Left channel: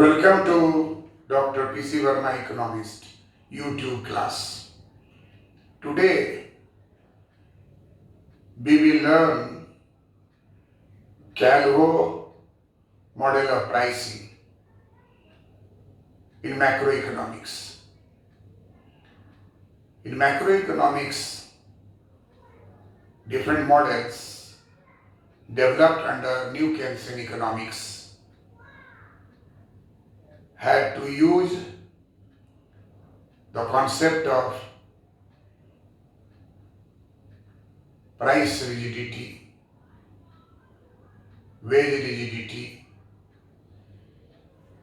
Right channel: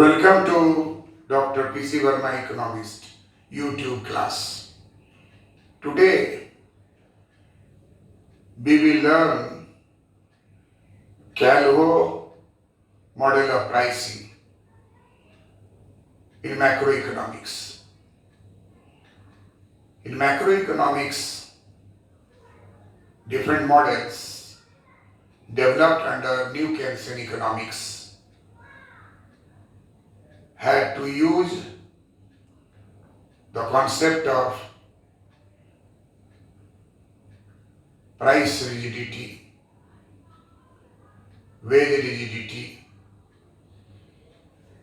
Welcome to Dr. P.C. Verma Economist YouTube class. Today we will learn Calvo model of pricing in macroeconomics. In macroeconomics, different models developed under New Keynesian economics had to use the concept of price rigidity, wage rigidity,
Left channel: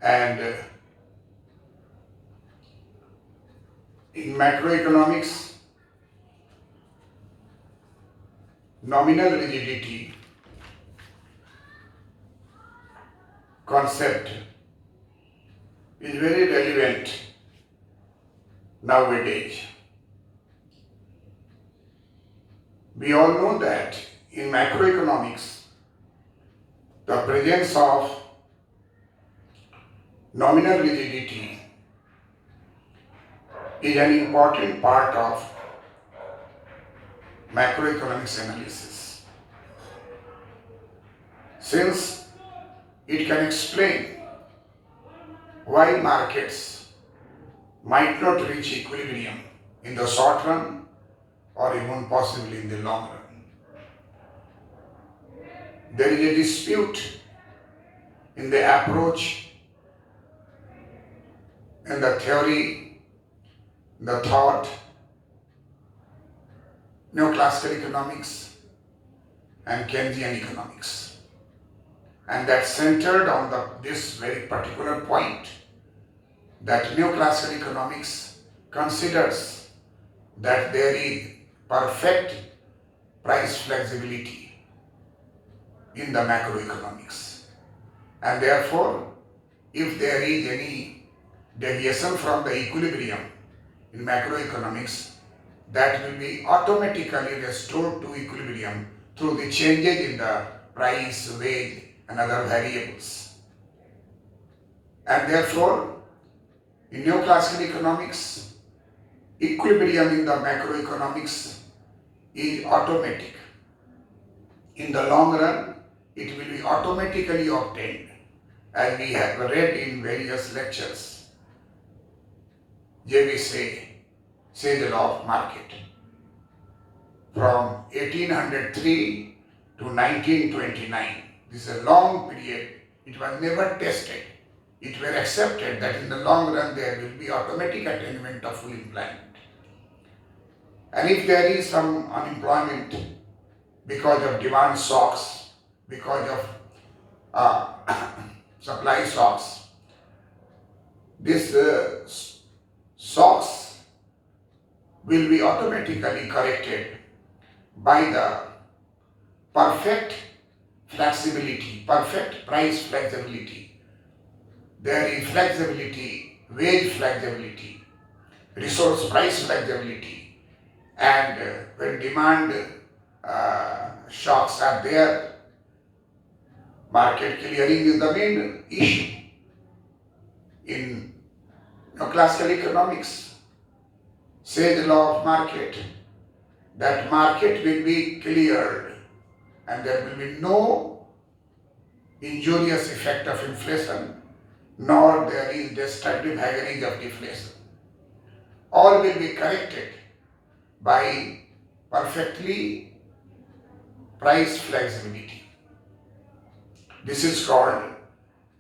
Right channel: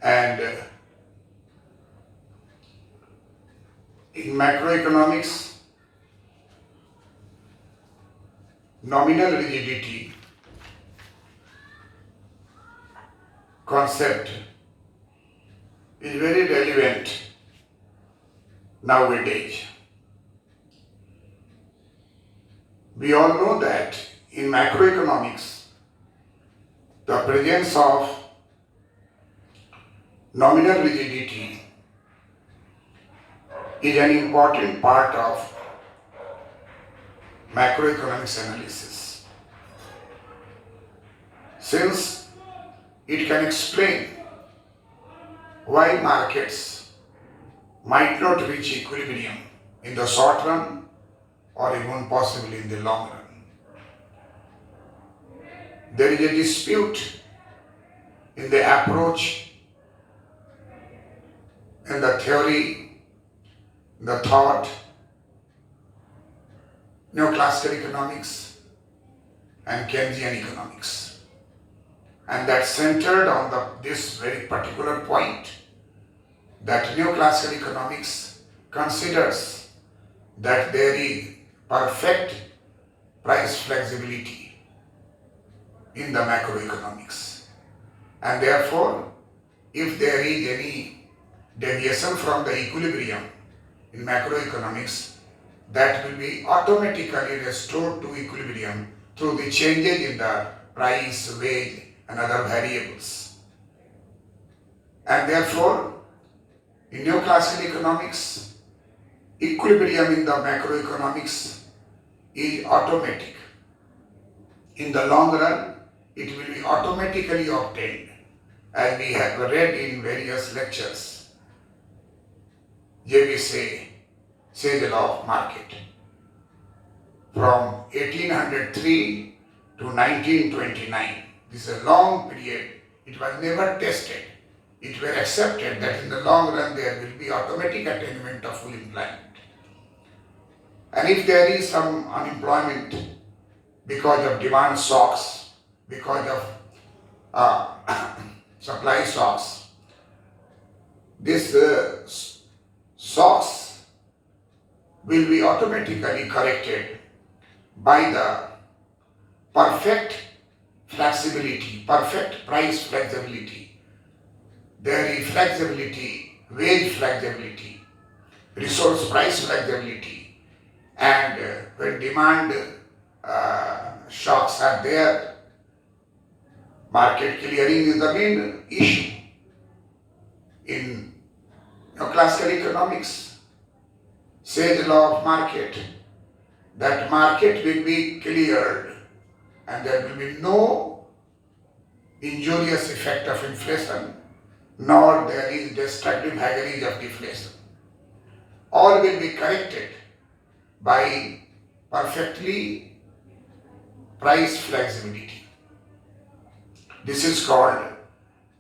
and in macroeconomics, nominal rigidity concept is very relevant nowadays. We all know that in macroeconomics, the presence of nominal rigidity is an important part of macroeconomics analysis, since it can explain why markets might not reach equilibrium in the short run or even possibly in the long run. There is a dispute in the approach, in the theory, the thought, neoclassical economics and Keynesian economics. And that's centered on this very particular point, that neoclassical economics considers that there is perfect price flexibility in the macroeconomics. And therefore, if there is any deviation from the equilibrium in macroeconomics, that will be automatically restored to equilibrium through the changes in the price, wage, and other variables. And therefore, in neoclassical economics, equilibrium in the macroeconomics is automatic. In the long run, it will be automatically obtained, as we have read in various lectures. JB say the law of market. From 1803 to 1929, this is a long period. It was never tested. It was accepted that in the long run there will be automatic attainment of full employment. And if there is some unemployment because of demand shocks, because of supply shocks, these shocks will be automatically corrected by the perfect flexibility, perfect price flexibility. There is flexibility, wage flexibility, resource price flexibility, and when demand shocks are there, market clearing is the main issue. In classical economics, says the law of market, that market will be cleared and there will be no injurious effect of inflation, nor there is destructive haggarage of deflation. All will be corrected by perfectly price flexibility. This is called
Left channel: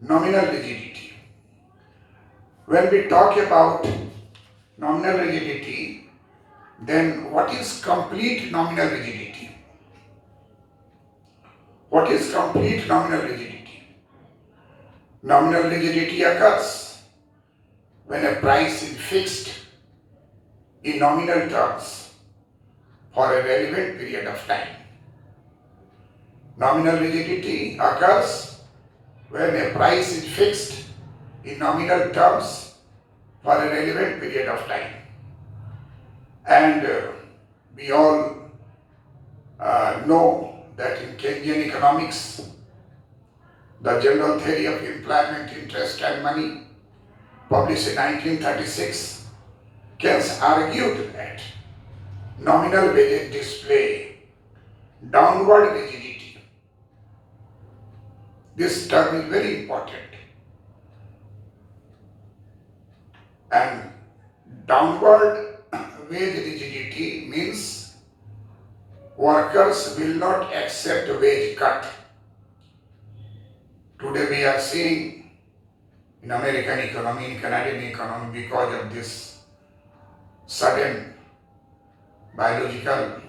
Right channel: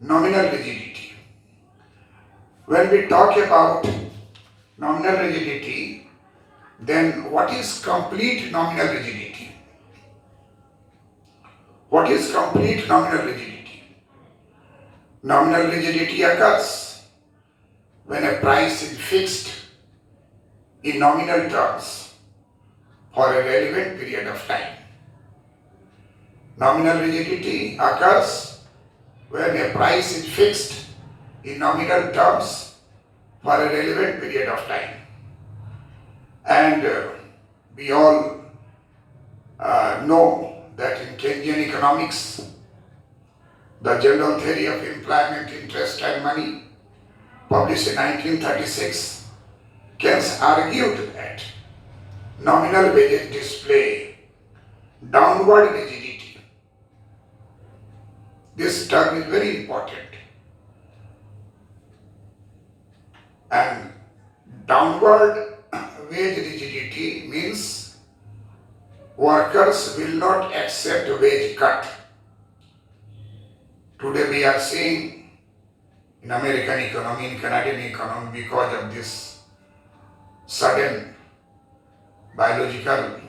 nominal rigidity. When we talk about nominal rigidity, then what is complete nominal rigidity? What is complete nominal rigidity? Nominal rigidity occurs when a price is fixed in nominal terms for a relevant period of time. Nominal rigidity occurs when a price is fixed in nominal terms for a relevant period of time. And we all know that in Keynesian economics, The General Theory of Employment, Interest and Money, published in 1936, Keynes argued that nominal wages display downward rigidity. This term is very important. And downward wage rigidity means workers will not accept wage cut. Today we are seeing in American economy, in Canadian economy, because of this sudden biological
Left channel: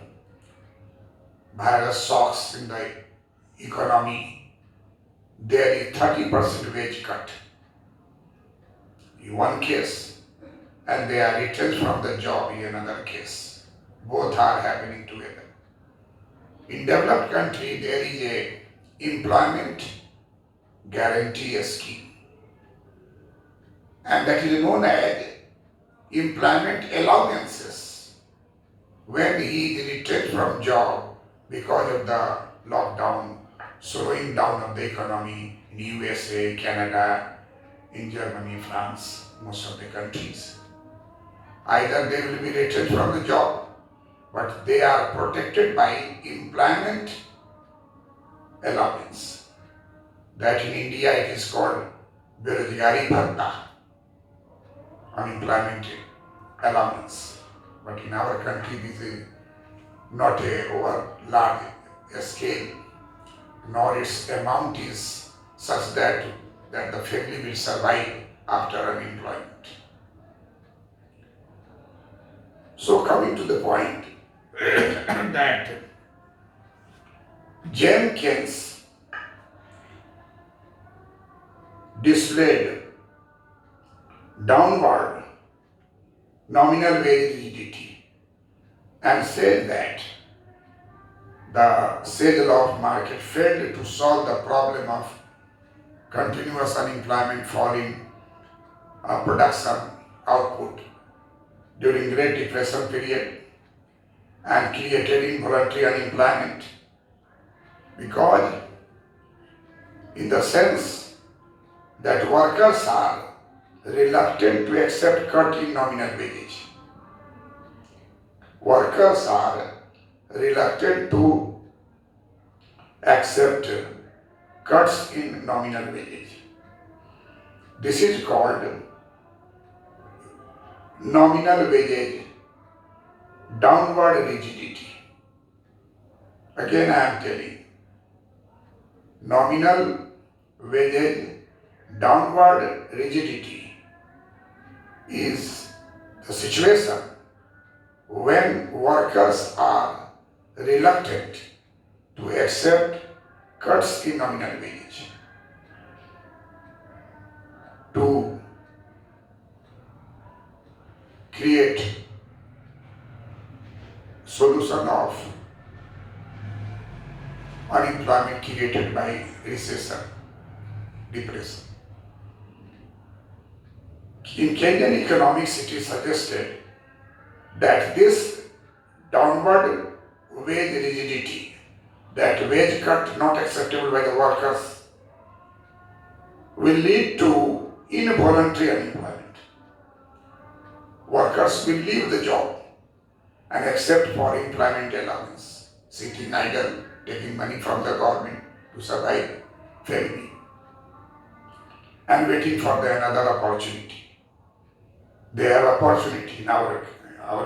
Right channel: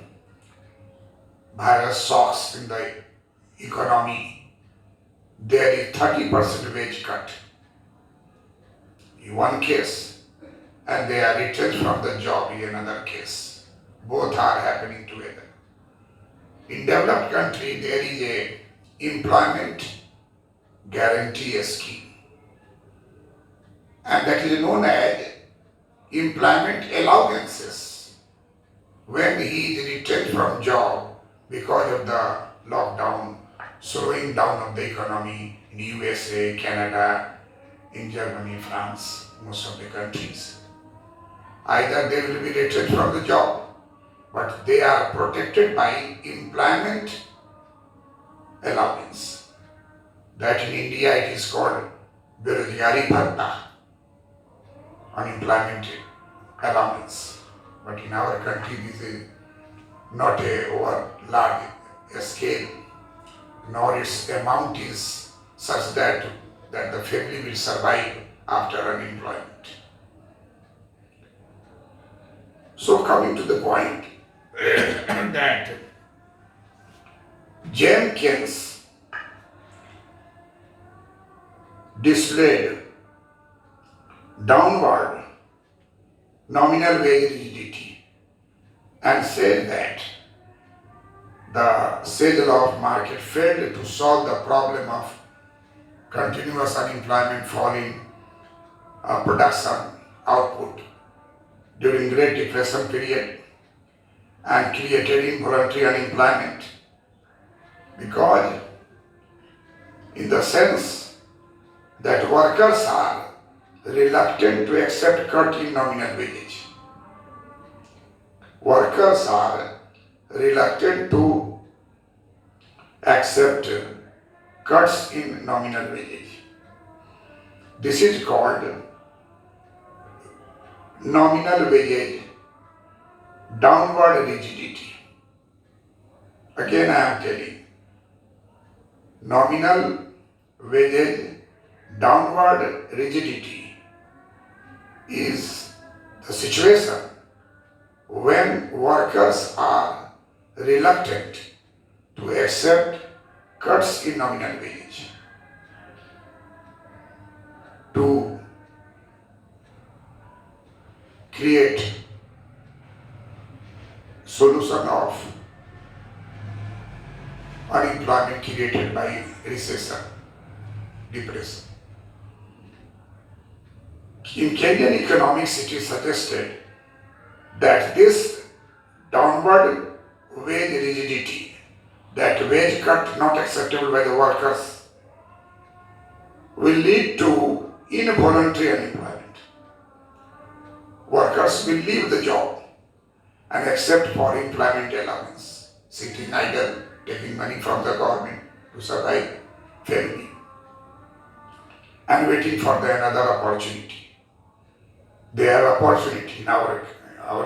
virus shocks in the economy, there is 30% wage cut in one case, and they are retrenched from the job in another case. Both are happening together. In developed country, there is a employment guarantee scheme, and that is known as employment allowances. When he is retrenched from job because of the lockdown, slowing down of the economy in USA, Canada, in Germany, France, most of the countries, either they will be retrenched from the job, but they are protected by employment allowance. That in India it is called Berojgari Bhatta, unemployment allowance. But in our country this is not a over large scale, nor its amount is such that the family will survive after unemployment. So coming to the point that Jenkins displayed downward nominal wage rigidity and said that the sage law of market failed to solve the problem of continuous unemployment, falling production output during Great Depression period, and created involuntary unemployment, because in the sense that workers are reluctant to accept cut in nominal wage. Workers are reluctant to accept cuts in nominal wage. This is called nominal wage downward rigidity. Again I am telling, nominal wage downward rigidity is the situation when workers are reluctant to accept cuts in nominal wage to create solution of unemployment created by recession, depression. In Kenyan economics, it is suggested that this downward wage rigidity, that wage cut not acceptable by the workers, will lead to involuntary unemployment. Workers will leave the job and accept for employment allowance, sitting idle, taking money from the government to survive family, and waiting for another opportunity. They have opportunity in our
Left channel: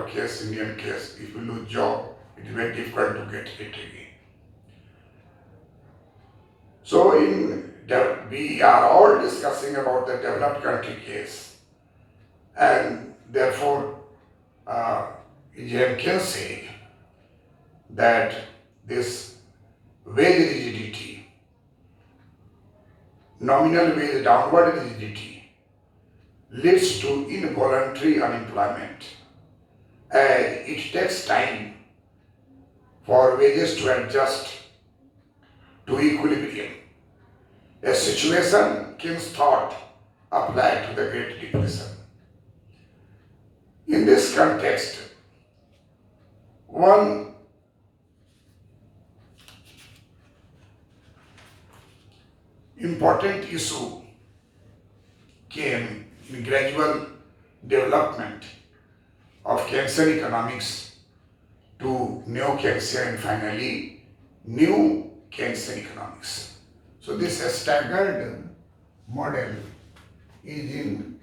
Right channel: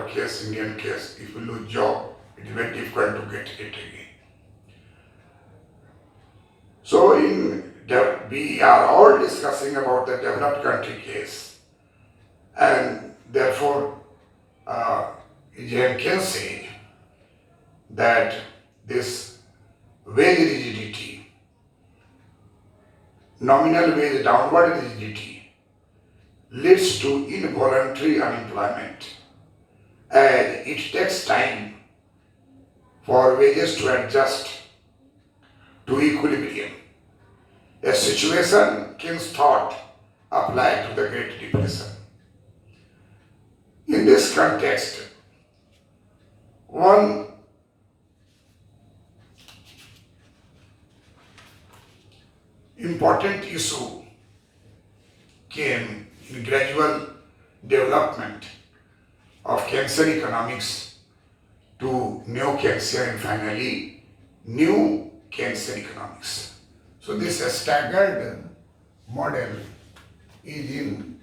case, Indian case. If you lose job, it is very difficult to get it again. So we are all discussing about the developed country case, and therefore Jenkins said that this wage rigidity, nominal wage downward rigidity, leads to involuntary unemployment, as it takes time for wages to adjust to equilibrium, a situation Keynes thought applied to the Great Depression. In this context, one important issue came in gradual development of Keynesian economics to neo-Keynesian and finally new Keynesian economics. So this staggered model is in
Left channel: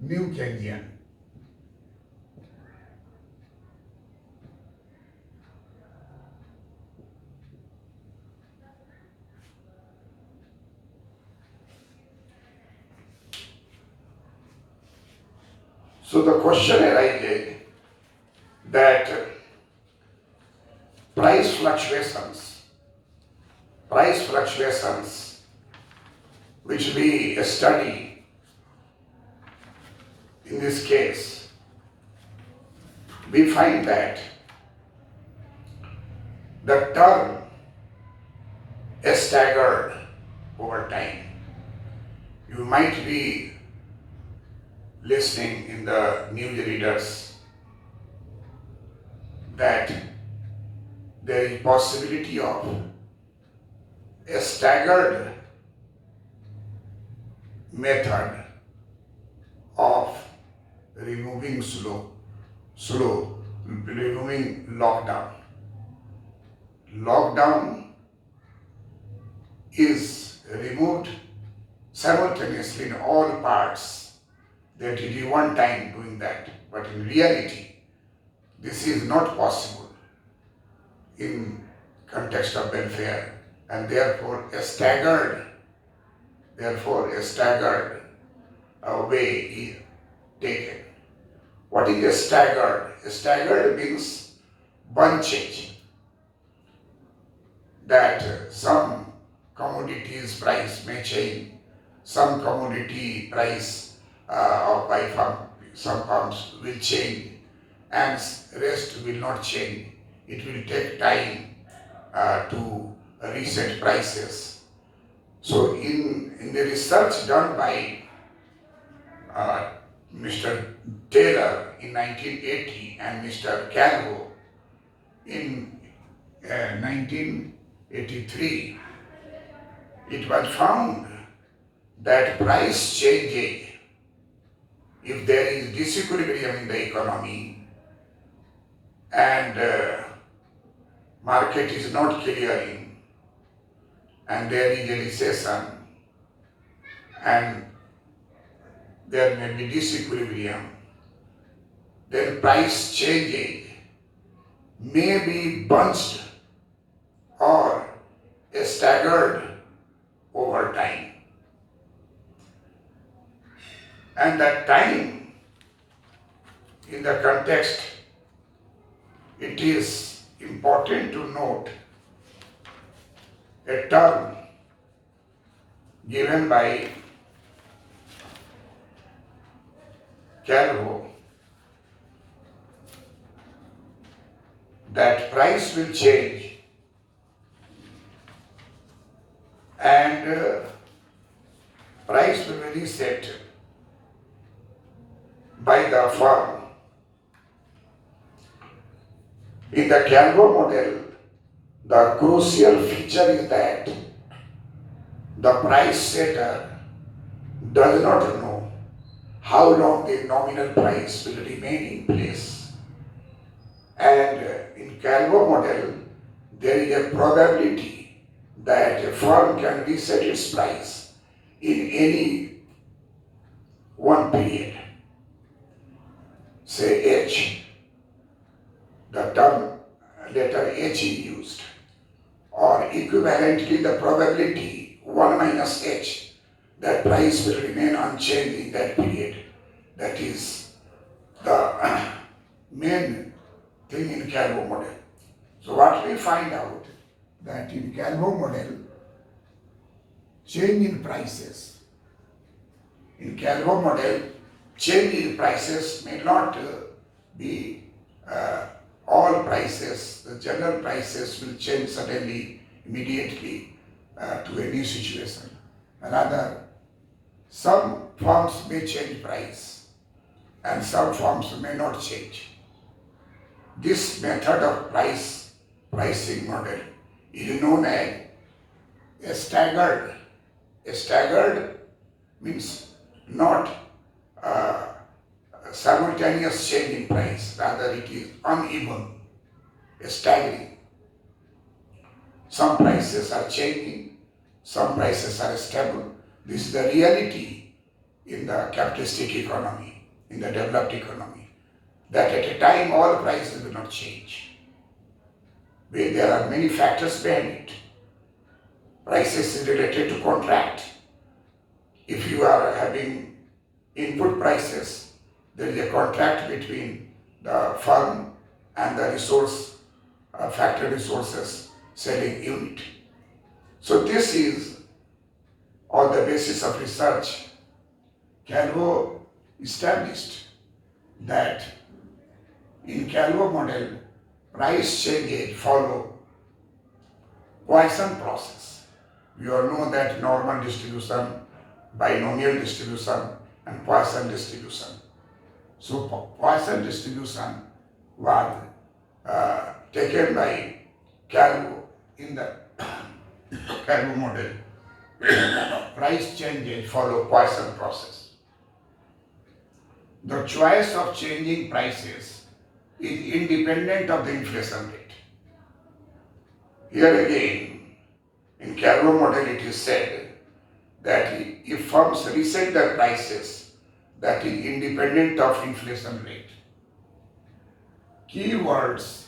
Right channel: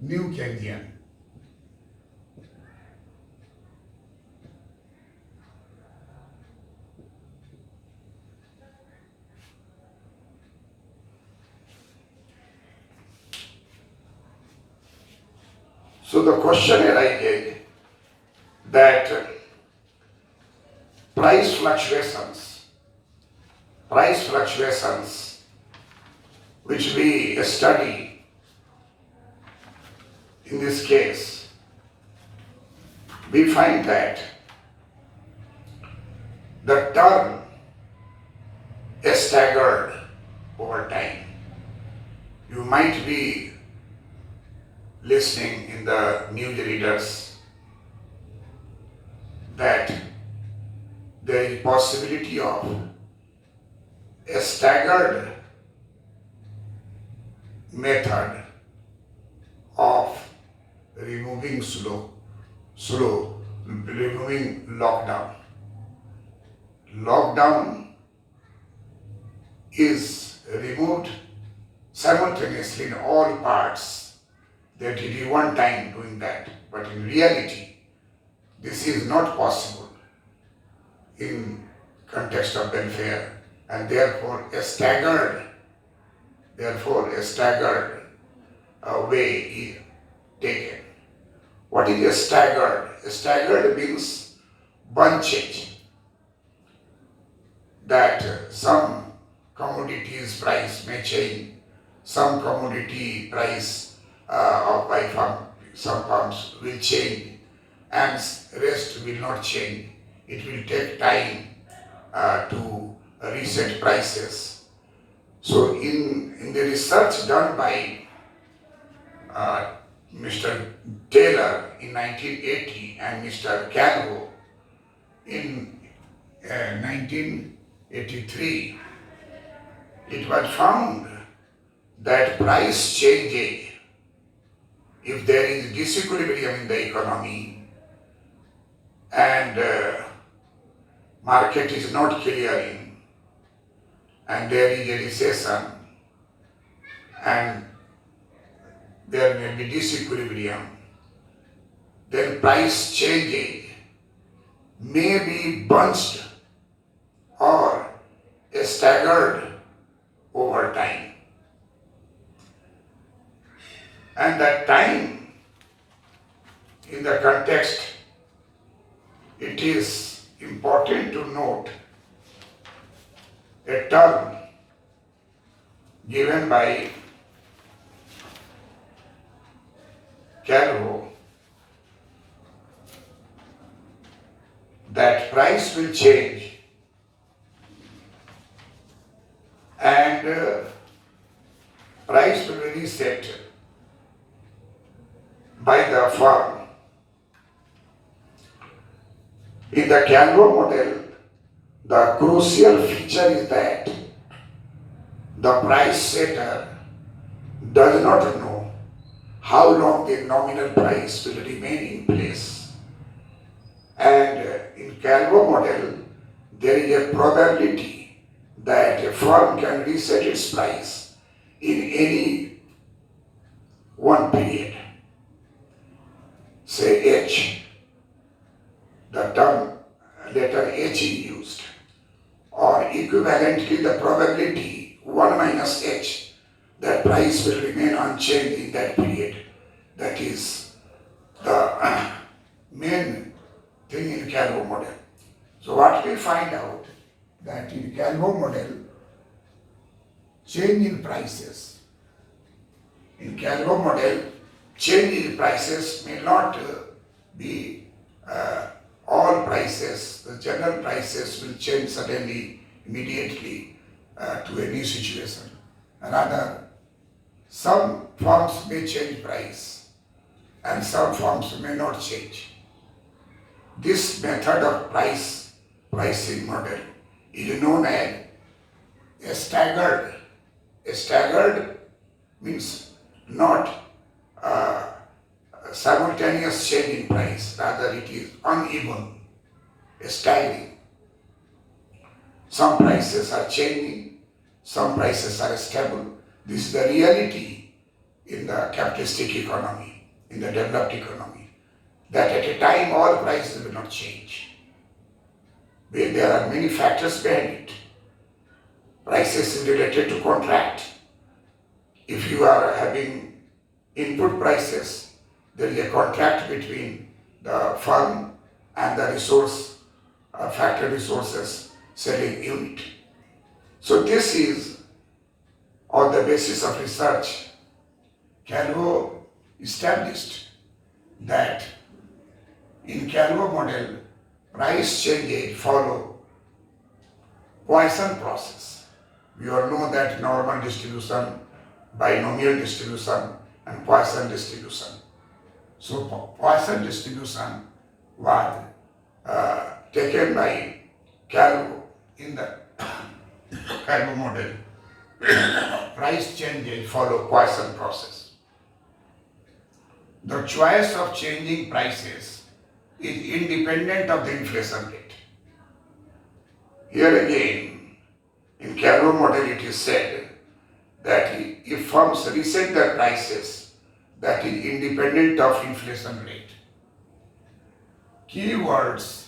new Keynesian. So the question arises that price fluctuations which we study in this case, we find that the term is staggered over time. You might be listening in the news readers that there is possibility of a staggered method of removing removing lockdown. Lockdown is removed simultaneously in all parts. That it is one time doing that, but in reality, this is not possible in context of welfare, and therefore a staggered way is taken. What is a staggered? A staggered means bunching, that some commodities price may change, some commodity price some firms will change and rest will not change. It will take time to reset prices. So in the research done by Mr. Taylor in 1980 and Mr. Calvo in 1983, it was found that price changes, if there is disequilibrium in the economy and market is not clearing and there is a recession and there may be disequilibrium, then price changes may be bunched or staggered over time. And that time, in the context, it is important to note a term given by Calvo that price will change and price will be reset by the firm. In the Calvo model, the crucial feature is that the price setter does not know how long the nominal price will remain in place. And in Calvo model, there is a probability that a firm can reset its price in any one period. Say H, the term letter H is used, or equivalently the probability 1 minus H, that price will remain unchanged in that period. That is the main thing in Calvo model. So what we find out that in Calvo model, change in prices. In Calvo model, change in prices may not be all prices. The general prices will change suddenly, immediately to a new situation. Rather, some firms may change price and some firms may not change. This method of price pricing model is known as a staggered. A staggered means not simultaneous change in price, rather it is uneven, staggering. Some prices are changing, some prices are stable. This is the reality in the capitalistic economy, in the developed economy, that at a time all prices will not change. There are many factors behind it. Prices is related to contract. If you are having input prices, there is a contract between the firm and the factory resources selling unit. So this is on the basis of research. Calvo established that in Calvo model, price changes follow Poisson process. We all know that normal distribution, binomial distribution, and Poisson distribution. So Poisson distribution was taken by Calvo in the Calvo model. Price changes follow Poisson process. The choice of changing prices is independent of the inflation rate. Here again, in Calvo model it is said that if firms reset their prices, that is independent of inflation rate. Keywords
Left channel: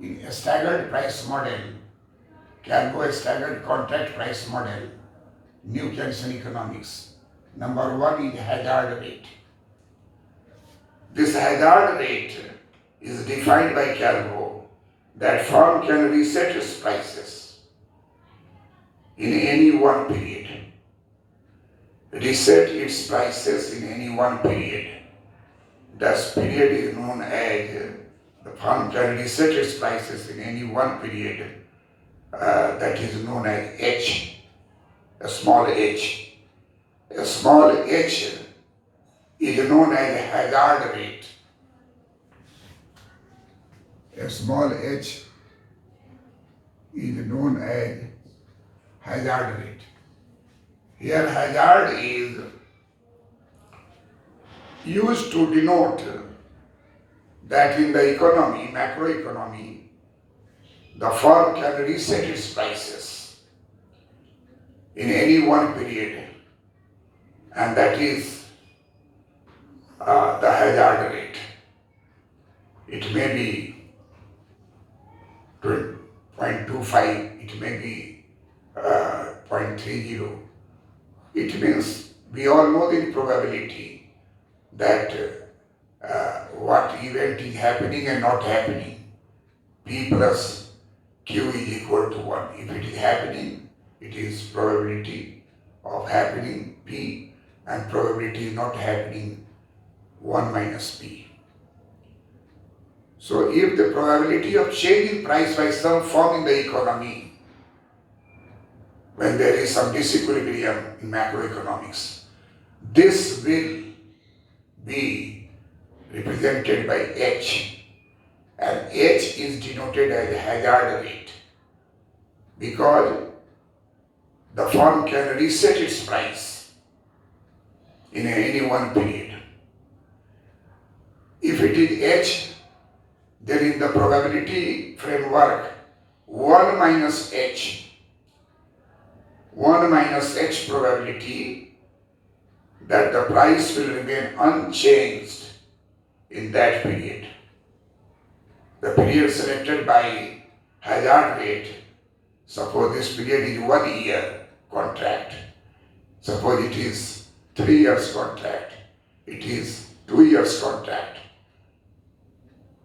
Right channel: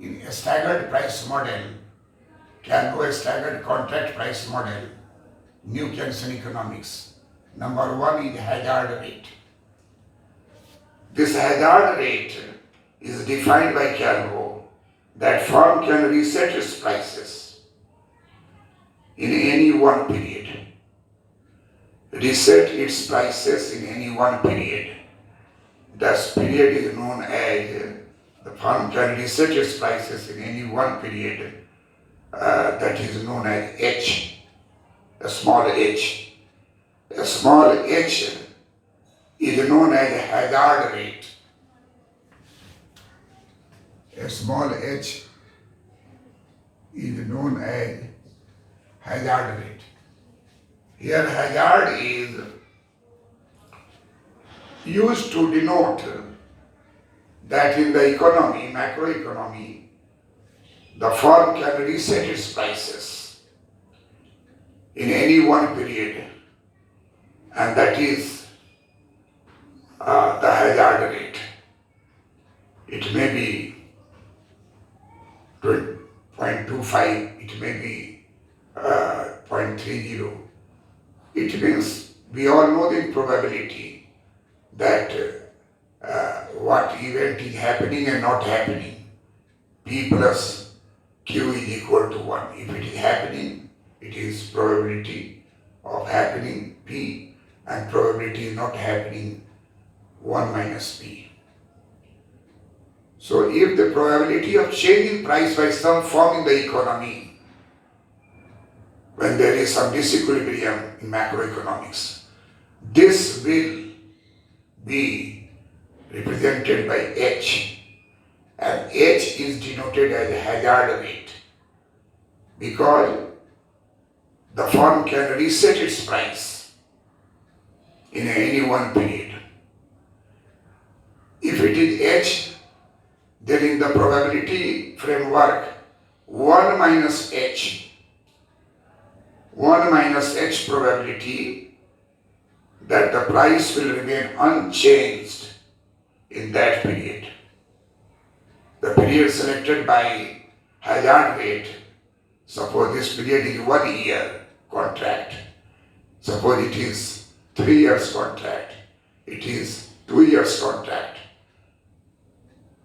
in a staggered price model, Calvo staggered contract price model, new Keynesian economics. Number one is hazard rate. This hazard rate is defined by Calvo that firm can reset its prices in any one period. Reset its prices in any one period. This period is known as the firm can reset its prices in any one period. That is known as H, a small h. A small h is known as hazard rate. A small h is known as hazard rate. Here hazard is used to denote that in the economy, macroeconomy, the firm can reset its prices in any one period, and that is the hazard rate. It may be 0.25, it may be 0.30. It means we all know the probability that what event is happening and not happening. P plus Q is equal to 1. If it is happening, it is probability of happening P, and probability is not happening 1 minus P. So if the probability of changing price by some firm in the economy, when there is some disequilibrium in macroeconomics, this will be represented by H, and H is denoted as hazard rate because the firm can reset its price in any one period. If it is H, then in the probability framework, 1 minus H probability that the price will remain unchanged in that period. The period selected by hazard rate, suppose this period is 1 year contract, suppose it is 3 years contract, it is 2 years contract.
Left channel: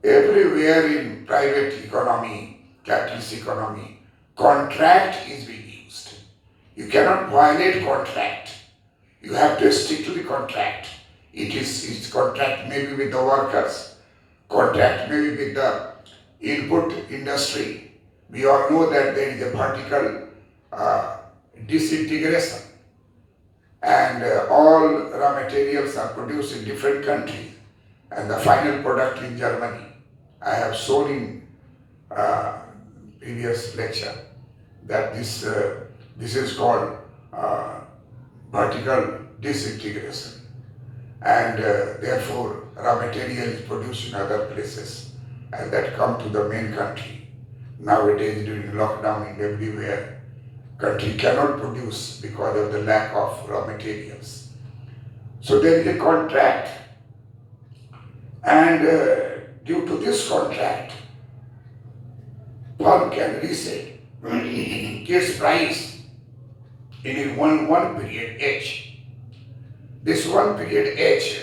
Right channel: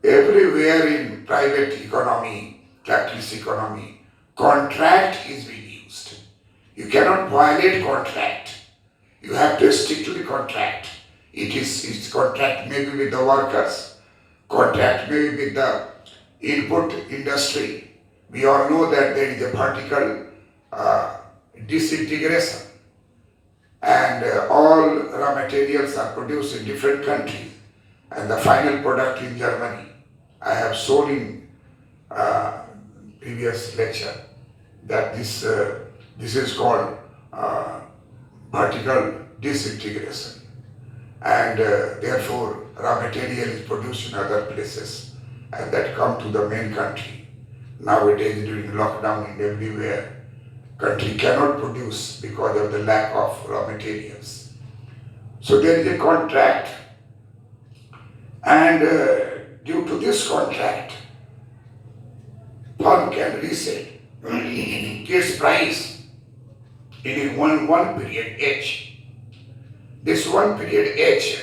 Everywhere in private economy, capitalist economy, contract is being used. You cannot violate contract. You have to stick to the contract. Its contract maybe with the workers, contract maybe with the input industry. We all know that there is a vertical disintegration, and all raw materials are produced in different countries, and the final product in Germany. I have shown in previous lecture that this is called vertical disintegration, and therefore raw material is produced in other places and that come to the main country. Nowadays during lockdown in everywhere, country cannot produce because of the lack of raw materials. So there is a contract, and due to this contract, firm can reset its price in one period H. This one period H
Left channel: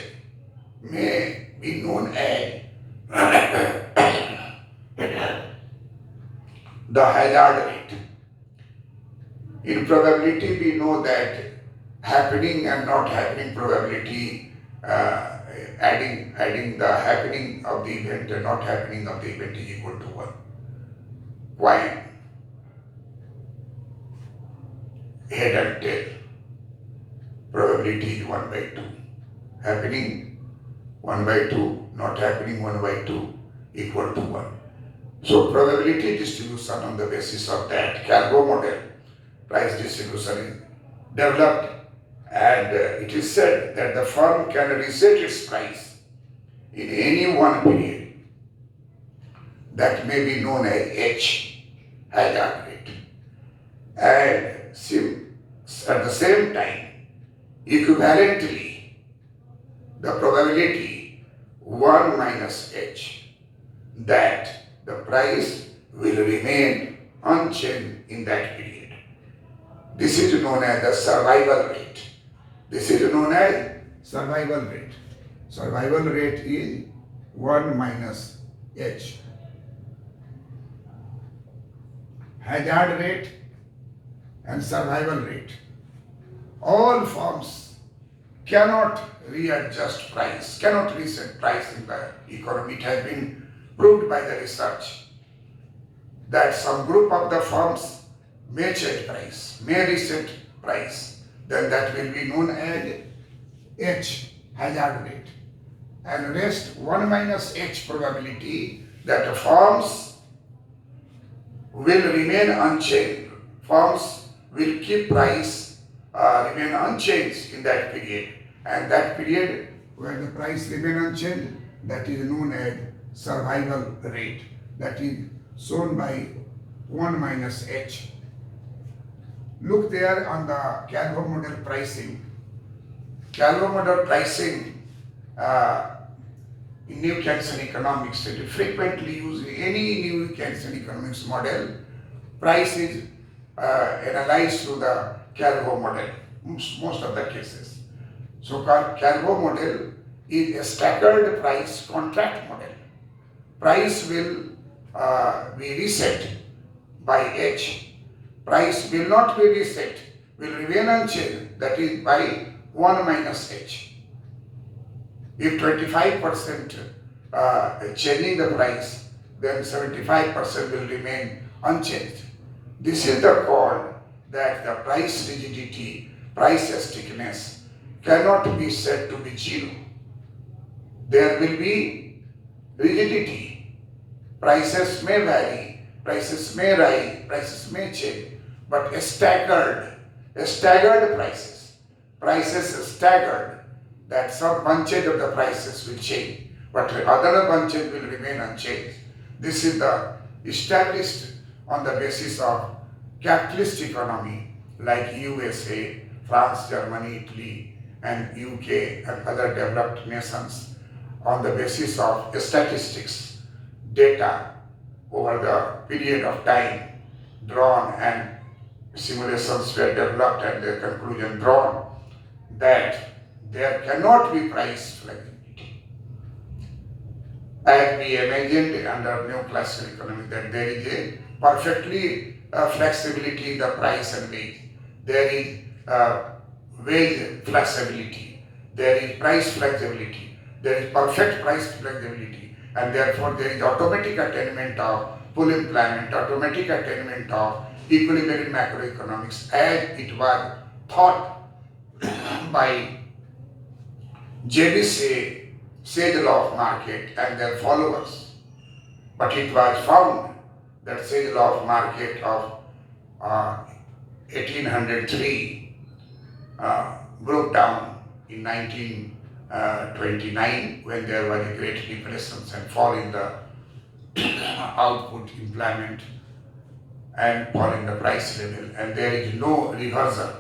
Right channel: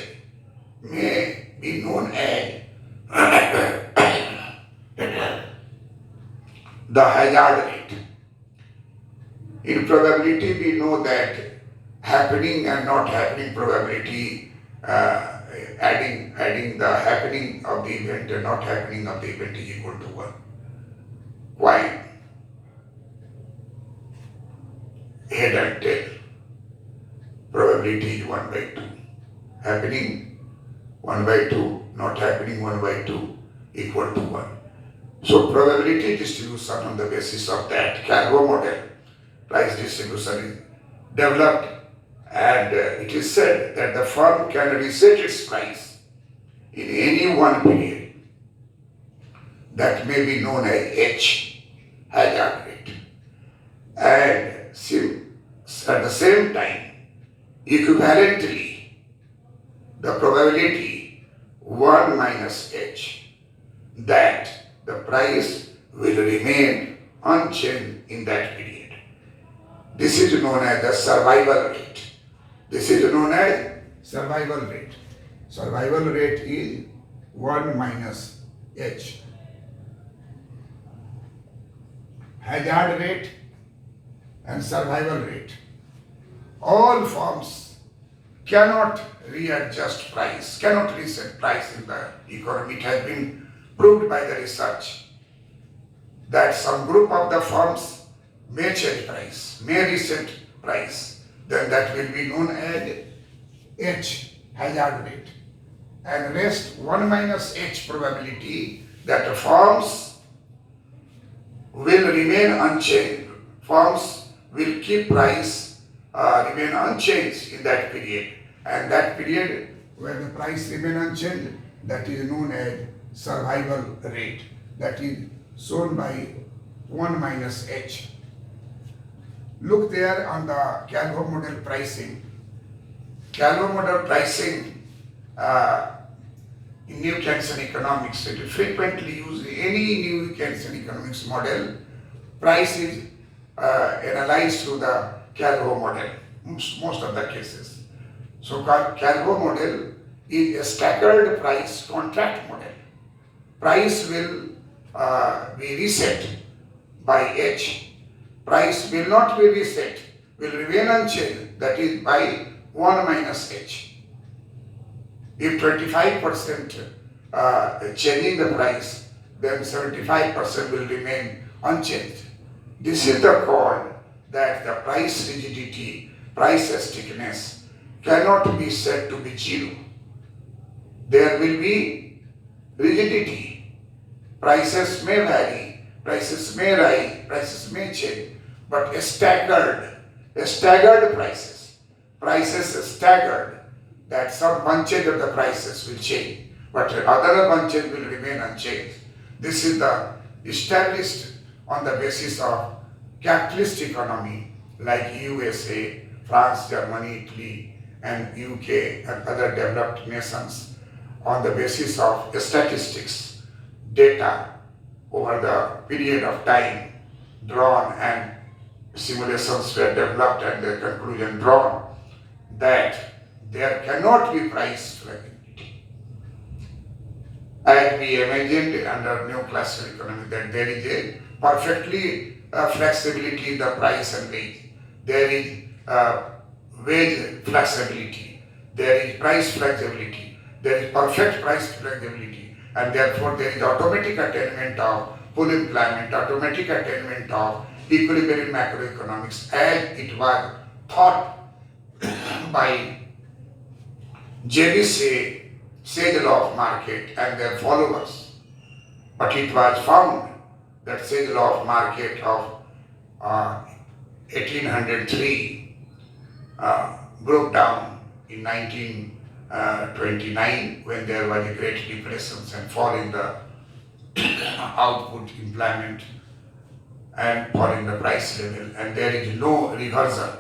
may be known as the hazard rate. In probability, we know that happening and not happening probability, adding the happening of the event and not happening of the event is equal to 1. Why? Head and tail. Probability is 1 by 2. Happening 1 by 2, not happening 1 by 2 equal to 1. So probability distribution on the basis of that Calvo model, price distribution is developed, and it is said that the firm can reset its price in any one period that may be known as H, hazard rate. And at the same time, equivalently, the probability 1 minus H, that the price will remain unchanged in that period. This is known as the survival rate. This is known as survival rate. Survival rate is 1 minus H. Hazard rate and survival rate. All firms cannot readjust price, cannot reset price in the economy. It has been proved by the research that some group of the firms may change price, may reset price, then that will be known as H, hazard rate. And rest 1 minus H probability that the firms will remain unchanged. Firms will keep price remain unchanged in that period, and that period where the price remain unchanged, that is known as survival rate, that is shown by 1 minus H. Look there on the Calvo model pricing. Calvo model pricing in New Keynesian economics, it frequently use any New Keynesian economics model. Price is analyzed through the Calvo model, most of the cases. So Calvo model is a staggered price contract model. Price will be reset by H. Price will not be reset, will remain unchanged, that is by 1 minus H. If 25% changing the price, then 75% will remain unchanged. This is the call that the price rigidity, price stickiness cannot be said to be 0. There will be rigidity. Prices may vary, prices may rise, prices may change, but staggered prices staggered, that some bunches of the prices will change, but other bunches will remain unchanged. This is the established on the basis of capitalist economy like USA, France, Germany, Italy, and UK and other developed nations, on the basis of statistics, data over the period of time drawn, and simulations were developed and their conclusion drawn, that there cannot be price flexibility. As we imagined under neoclassical economy, that there is a perfectly flexibility in the price and wage. There is wage flexibility. There is price flexibility. There is perfect price flexibility, and therefore there is automatic attainment of full employment, automatic attainment of equilibrium macroeconomics, as it was thought by JBC, sage law of market, and their followers. But it was found that says law of market of 1803 broke down in 1929 when there was a great depression and fall in the output, employment, and fall in the price level, and there is no reversal.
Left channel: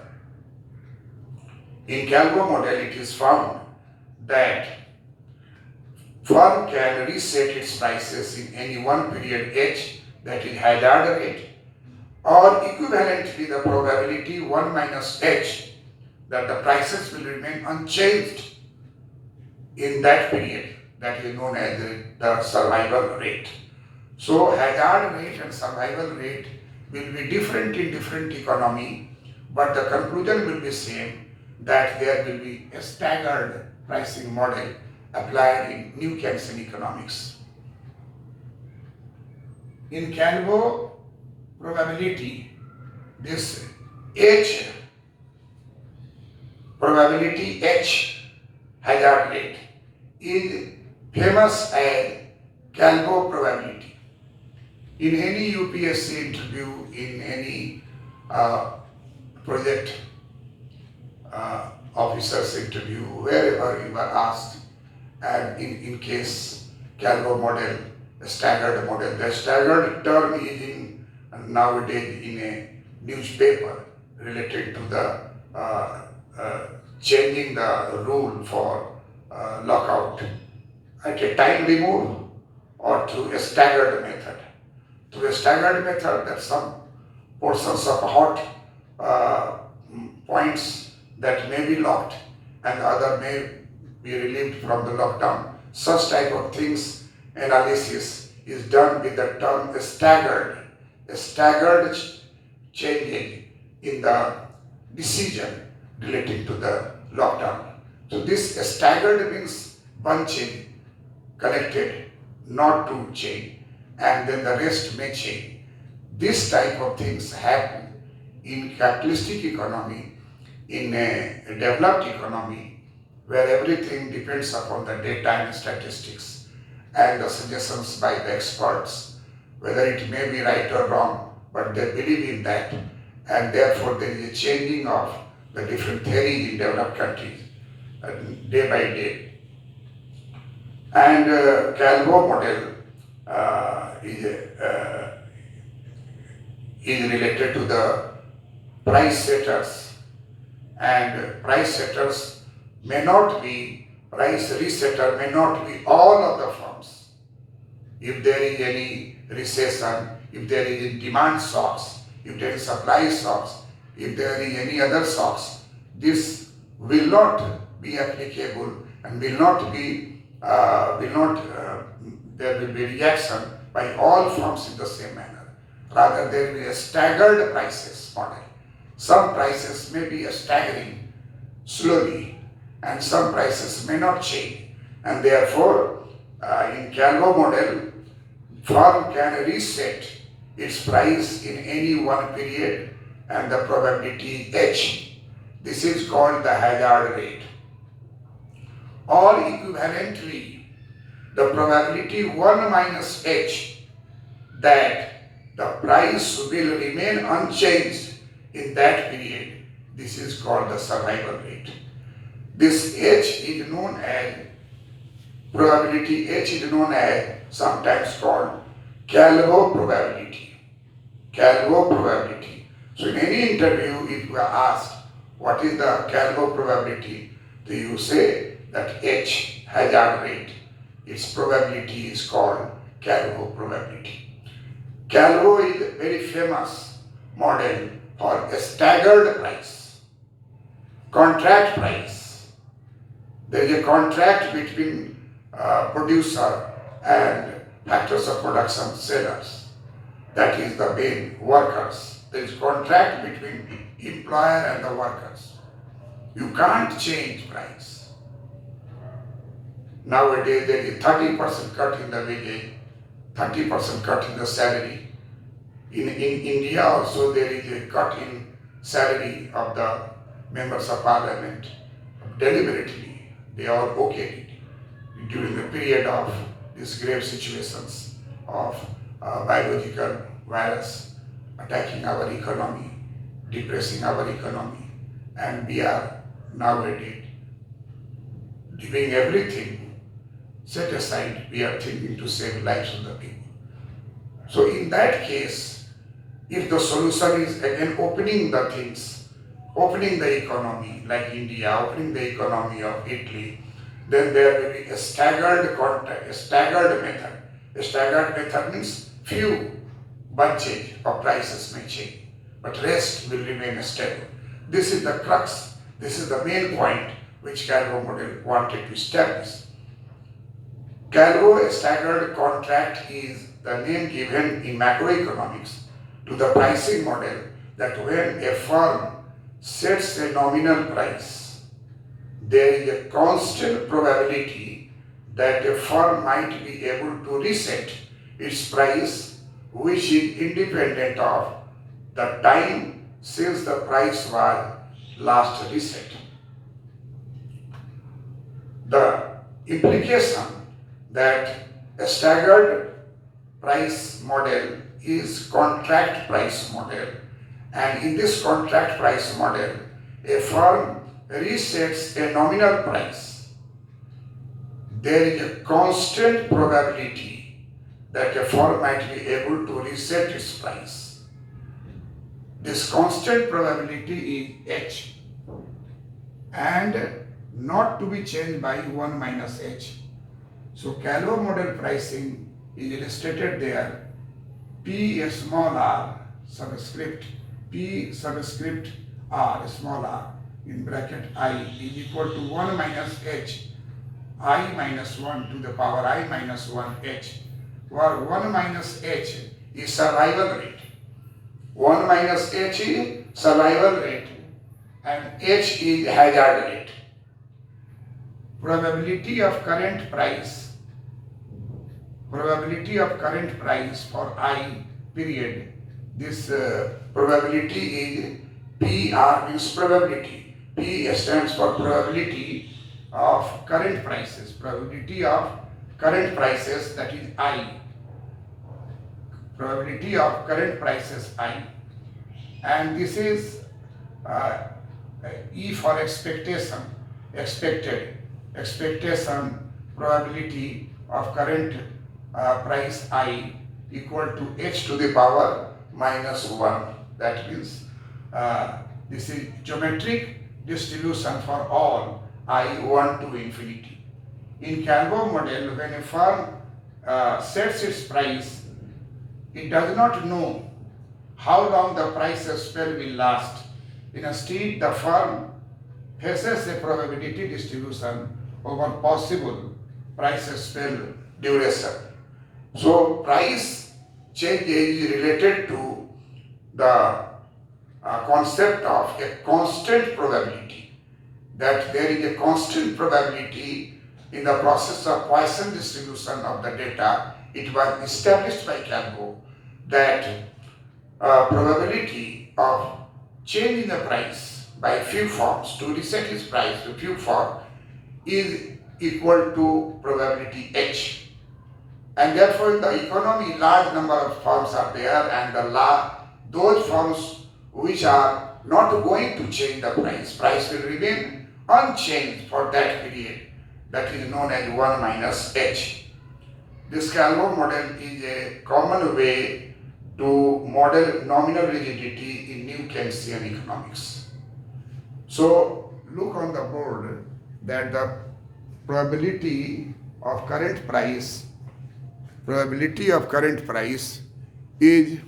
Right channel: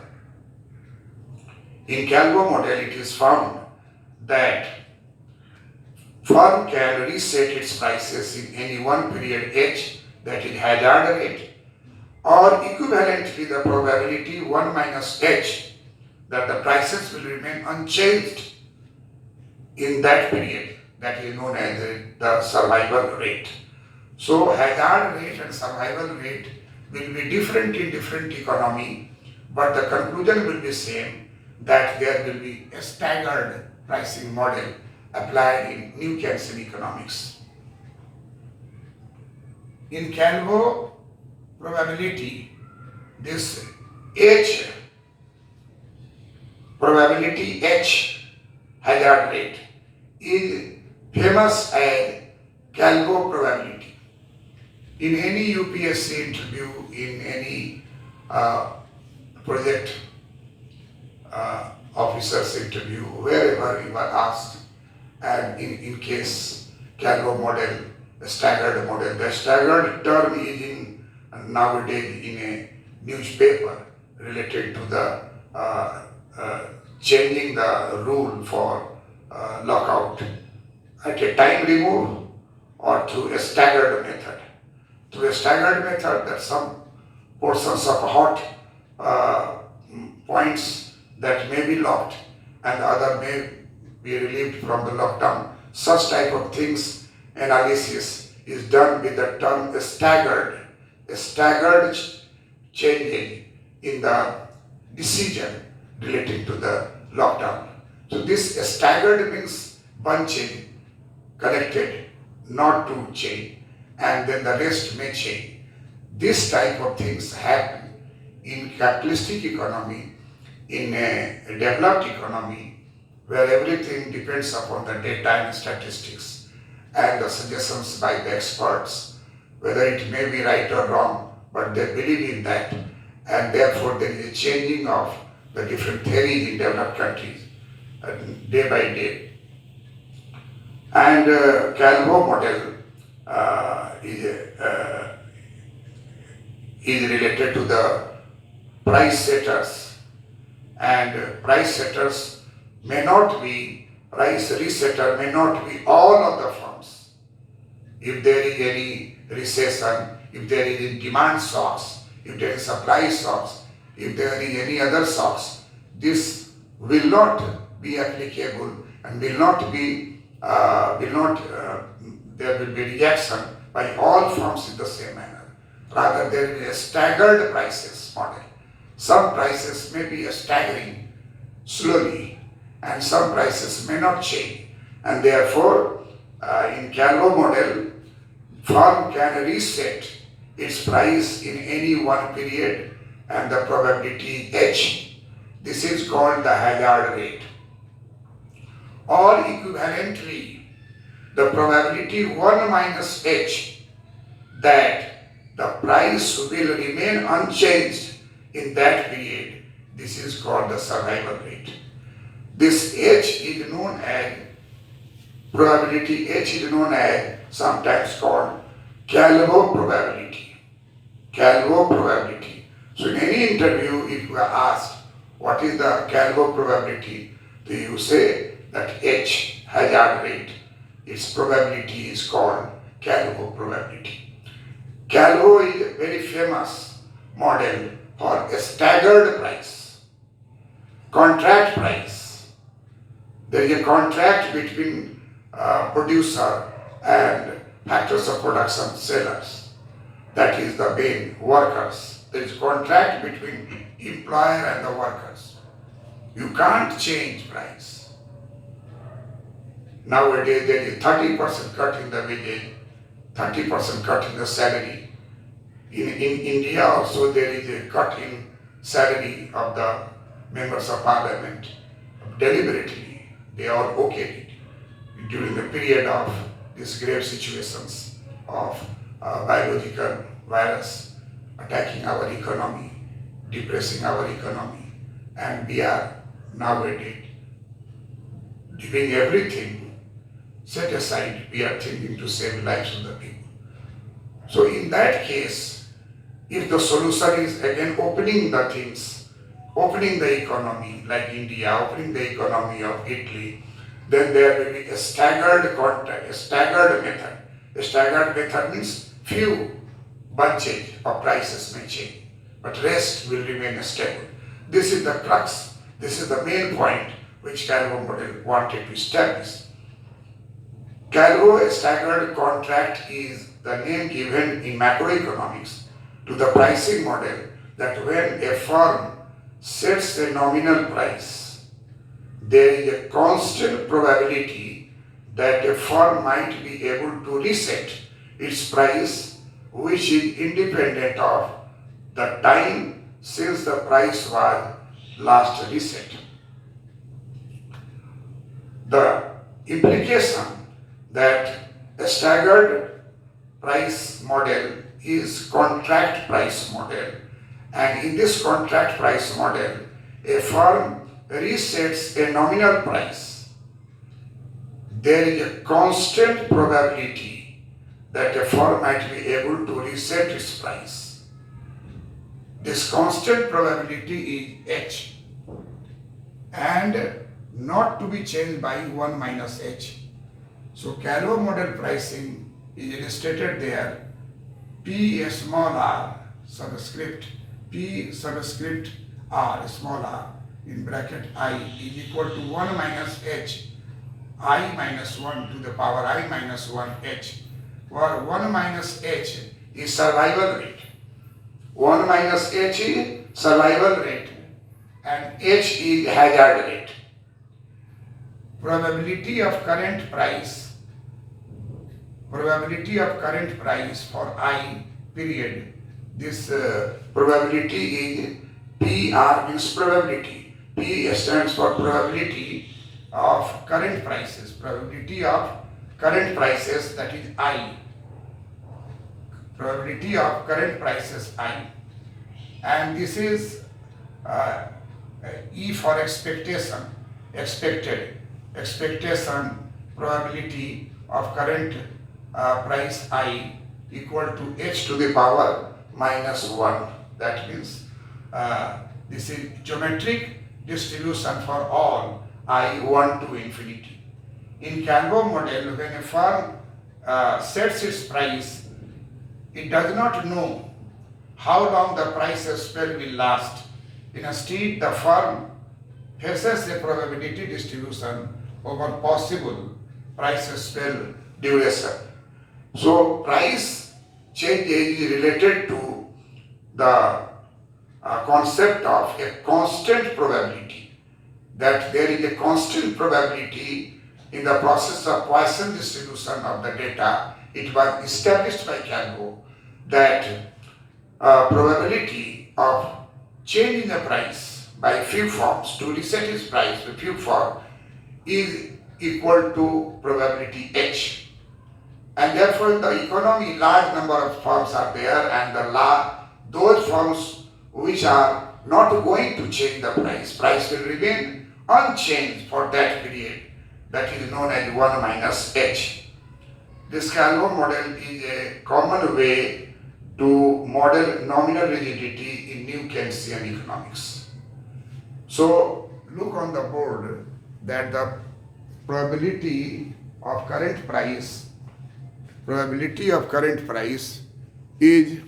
In Calvo model, it is found that firm can reset its prices in any one period h, that is hazard rate, or equivalently the probability 1 minus h, that the prices will remain unchanged in that period, that is known as the survival rate. So hazard rate and survival rate will be different in different economy, but the conclusion will be same, that there will be a staggered pricing model applied in New Keynesian economics. In Calvo probability, this H, probability H, hazard rate, is famous as Calvo probability. In any UPSC interview, in any project officer's interview, wherever you are asked, and in case Calvo model, the staggered model, the staggered term is in nowadays in a newspaper related to the changing the rule for lockout at a time remove or through a staggered method. Through a staggered method, that some portions of hot points that may be locked and the other may be relieved from the lockdown. Such type of things analysis is done with the term staggered changing in the decision relating to the lockdown. So this staggered means bunching, connected, not to change, and then the rest may change. This type of things happen in capitalistic economy, in a developed economy, where everything depends upon the data and statistics and the suggestions by the experts, whether it may be right or wrong, but they believe in that, and therefore there is a changing of the different theories in developed countries day by day. And Calvo model is related to the price setters, and price setters may not be, price resetter may not be all of the firms. If there is any recession, if there is demand shocks, if there is supply shocks, if there is any other shocks, this will not be applicable and will not be, there will be reaction by all firms in the same manner. Rather, there will be a staggered prices model. Some prices may be staggering slowly, and some prices may not change. And therefore, in Calvo model, firm can reset its price in any one period, and the probability H. This is called the hazard rate. Or equivalently, the probability 1 minus H, that the price will remain unchanged in that period. This is called the survival rate. This H is known as, probability H is known as, sometimes called Calvo probability. Calvo probability. So in any interview, if you are asked what is the Calvo probability, do you say that H, hazard rate, its probability is called Calvo probability. Calvo is a very famous model for a staggered price, contract price. There is a contract between producer and factors of production, sellers. That is the main workers. There is contract between employer and the workers. You can't change price. Nowadays there is 30% cut in the wages, 30% cut in the salary. In India also there is a cut in salary of the members of parliament. Deliberately, they are okayed it during the period of these grave situations of biological virus attacking our economy, depressing our economy, and we are nowadays giving everything set aside. We are thinking to save lives of the people. So in that case, if the solution is again opening the things, opening the economy like India, opening the economy of Italy, then there will be a staggered contact, a staggered method. A staggered method means few bunches of prices may change, but rest will remain stable. This is the crux, this is the main point which Calvo model wanted to establish. Calvo staggered contract is the name given in macroeconomics to the pricing model that when a firm sets a nominal price, there is a constant probability that a firm might be able to reset its price, which is independent of the time since the price was last reset. The implication that a staggered price model is contract price model, and in this contract price model, a firm resets a nominal price. There is a constant probability that a firm might be able to reset its price. This constant probability is H and not to be changed by 1 minus H. So Calvo model pricing is illustrated there. P small r subscript, P subscript r small r in bracket I is equal to 1 minus H, I minus 1 to the power I minus 1 H, where 1 minus H is survival rate. 1 minus H is survival rate and H is hazard rate. Probability of current price for I period. This probability is PR means probability. P stands for probability of current prices. Probability of current prices, that is I. Probability of current prices I. And this is E for expectation, expectation probability of current price I equal to H to the power minus 1. That means this is geometric distribution for all I 1 to infinity. In Calvo model, when a firm sets its price, it does not know how long the price spell will last. Instead, the firm faces a probability distribution over possible price spell duration. So price change is related to the concept of a constant probability, that there is a constant probability in the process of Poisson distribution of the data. It was established by Calvo that probability of changing the price by few forms to reset its price to few form is equal to probability H. And therefore in the economy large number of firms are there, and those firms which are not going to change the price will remain unchanged for that period. That is known as 1 minus H. This Calvo model is a common way to model nominal rigidity in new Keynesian economics. So look on the board that the probability of current price is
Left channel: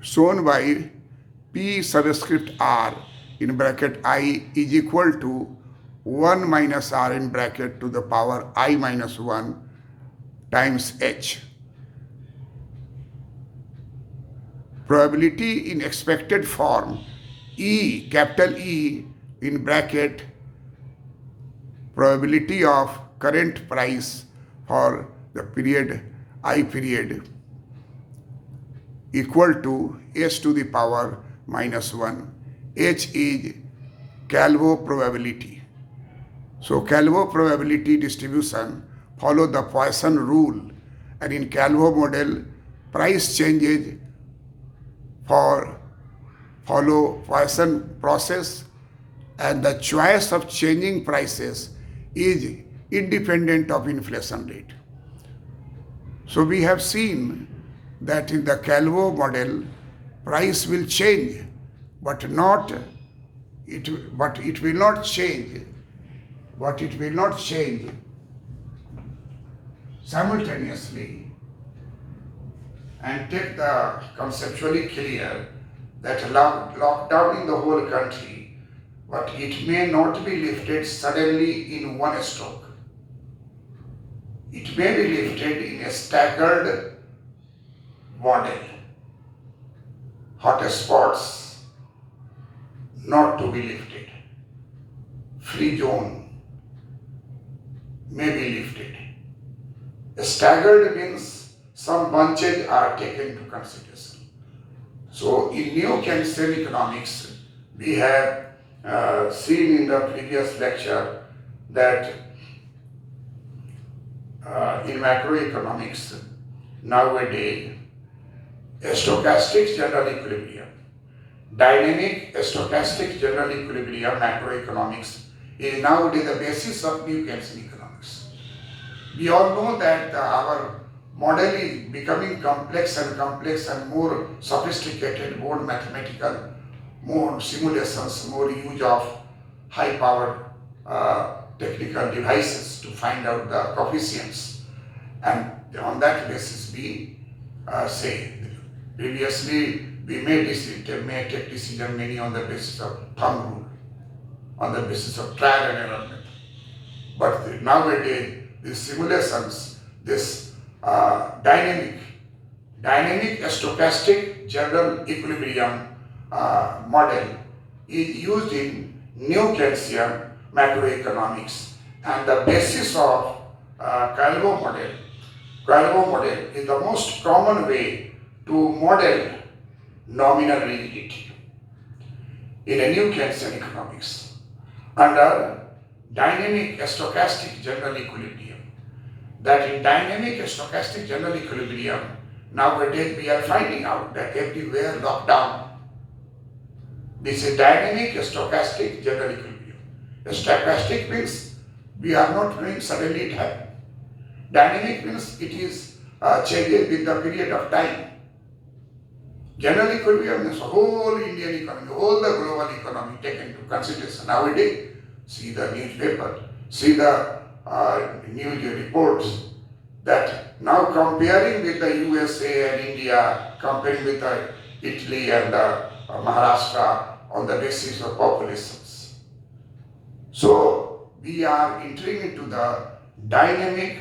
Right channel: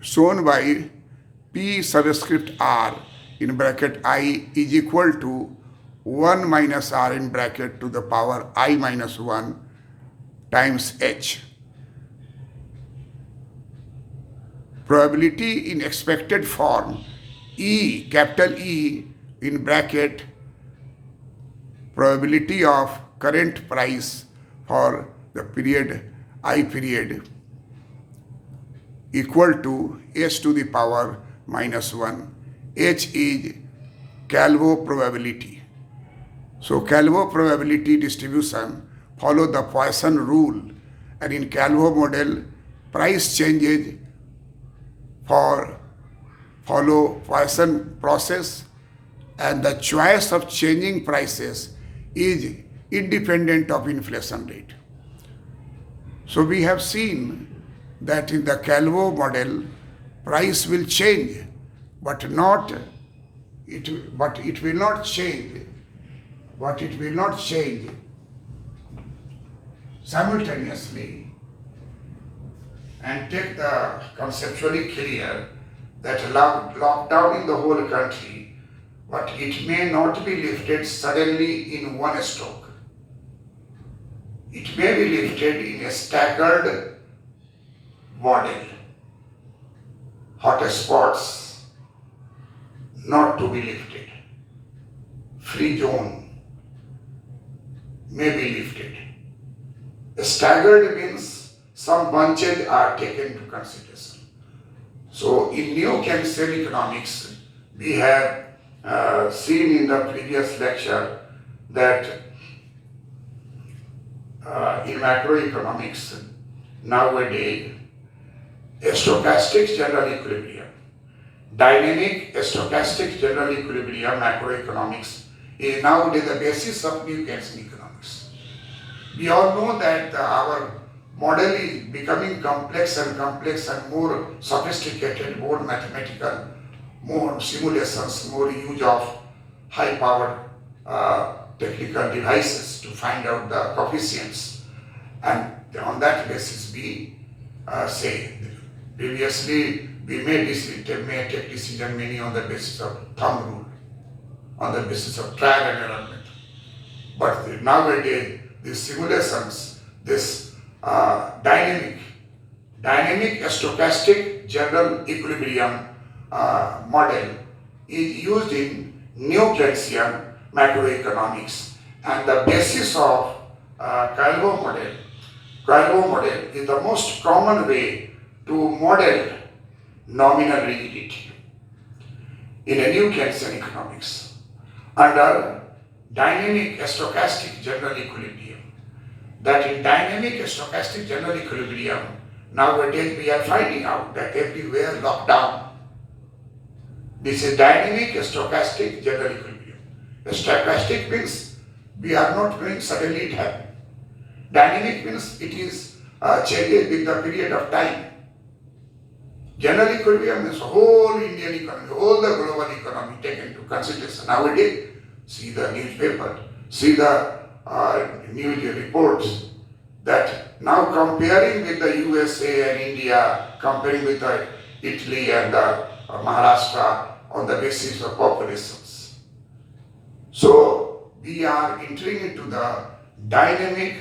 shown by P subscript R in bracket I is equal to 1 minus R in bracket to the power I minus 1 times H. Probability in expected form E, capital E in bracket probability of current price for the period I period equal to H to the power minus 1. H is Calvo probability. So Calvo probability distribution follow the Poisson rule, And in Calvo model, price changes follow Poisson process, and the choice of changing prices is independent of inflation rate. So we have seen that in the Calvo model, price will change, but it will not change, simultaneously. And take the conceptually clear that lockdown in the whole country, but it may not be lifted suddenly in one stroke. It may be lifted in a staggered model. Hotspots not to be lifted. Free zone may be lifted. Staggered means some bunches are taken into consideration. So in new Keynesian economics, we have seen in the previous lecture that in macroeconomics, nowadays, a stochastic general equilibrium, dynamic stochastic general equilibrium macroeconomics is nowadays the basis of new Keynesian economics. We all know that our model is becoming complex and more sophisticated, more mathematical, more simulations, more use of high-powered technical devices to find out the coefficients. And on that basis, we say, previously we may take decision many on the basis of thumb rule, on the basis of trial and error method. But nowadays, these simulations, this dynamic stochastic general equilibrium model is used in new Keynesian macroeconomics, and the basis of Calvo model is the most common way to model nominal rigidity in a new Keynesian economics under dynamic stochastic general equilibrium. That in dynamic stochastic general equilibrium, nowadays we are finding out that everywhere lockdown. This is dynamic stochastic general equilibrium. Stochastic means we are not doing suddenly it happen. Dynamic means it is changes with the period of time. General equilibrium means whole Indian economy, whole the global economy taken into consideration. Nowadays, see the newspaper, see the news reports that now comparing with the USA and India, comparing with Italy and Maharashtra on the basis of populations. So we are entering into the dynamic,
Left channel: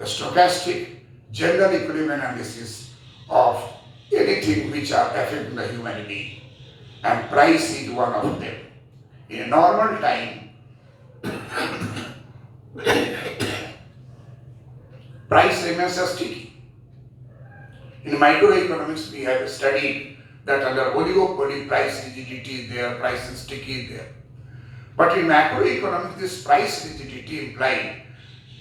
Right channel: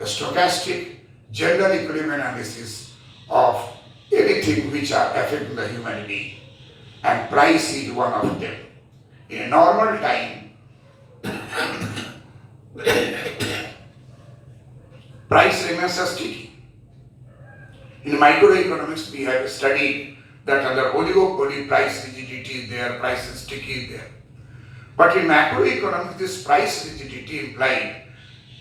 stochastic, general equilibrium analysis of anything which are affecting the human being, and price is one of them. In a normal time, price remains sticky. In microeconomics, we have studied that under oligopoly, price rigidity is there, price is sticky is there. But in macroeconomics, this price rigidity implies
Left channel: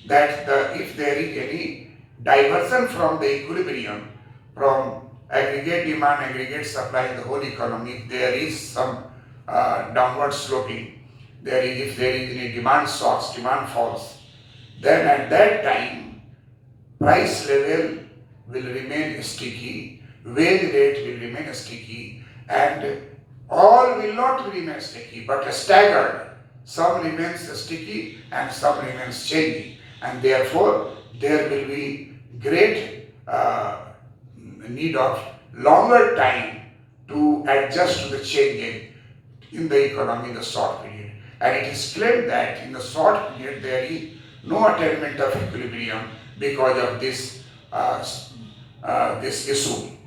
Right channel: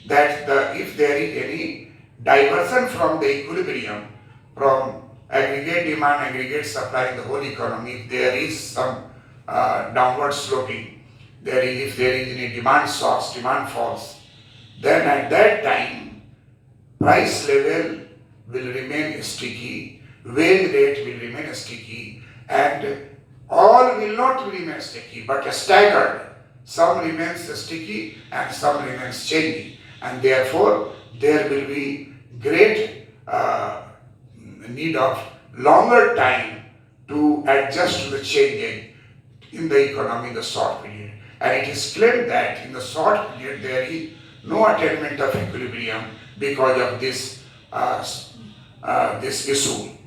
that if there is any diversion from the equilibrium, from aggregate demand, aggregate supply in the whole economy, there is some downward sloping. If there is any demand shocks, demand falls, then at that time, price level will remain sticky, wage rate will remain sticky, and all will not remain sticky, but staggered. Some remains sticky and some remains changing, and therefore there will be great need of longer time to adjust to the changing in the economy in the short period. And it is claimed that in the short period there is no attainment of equilibrium because of this issue.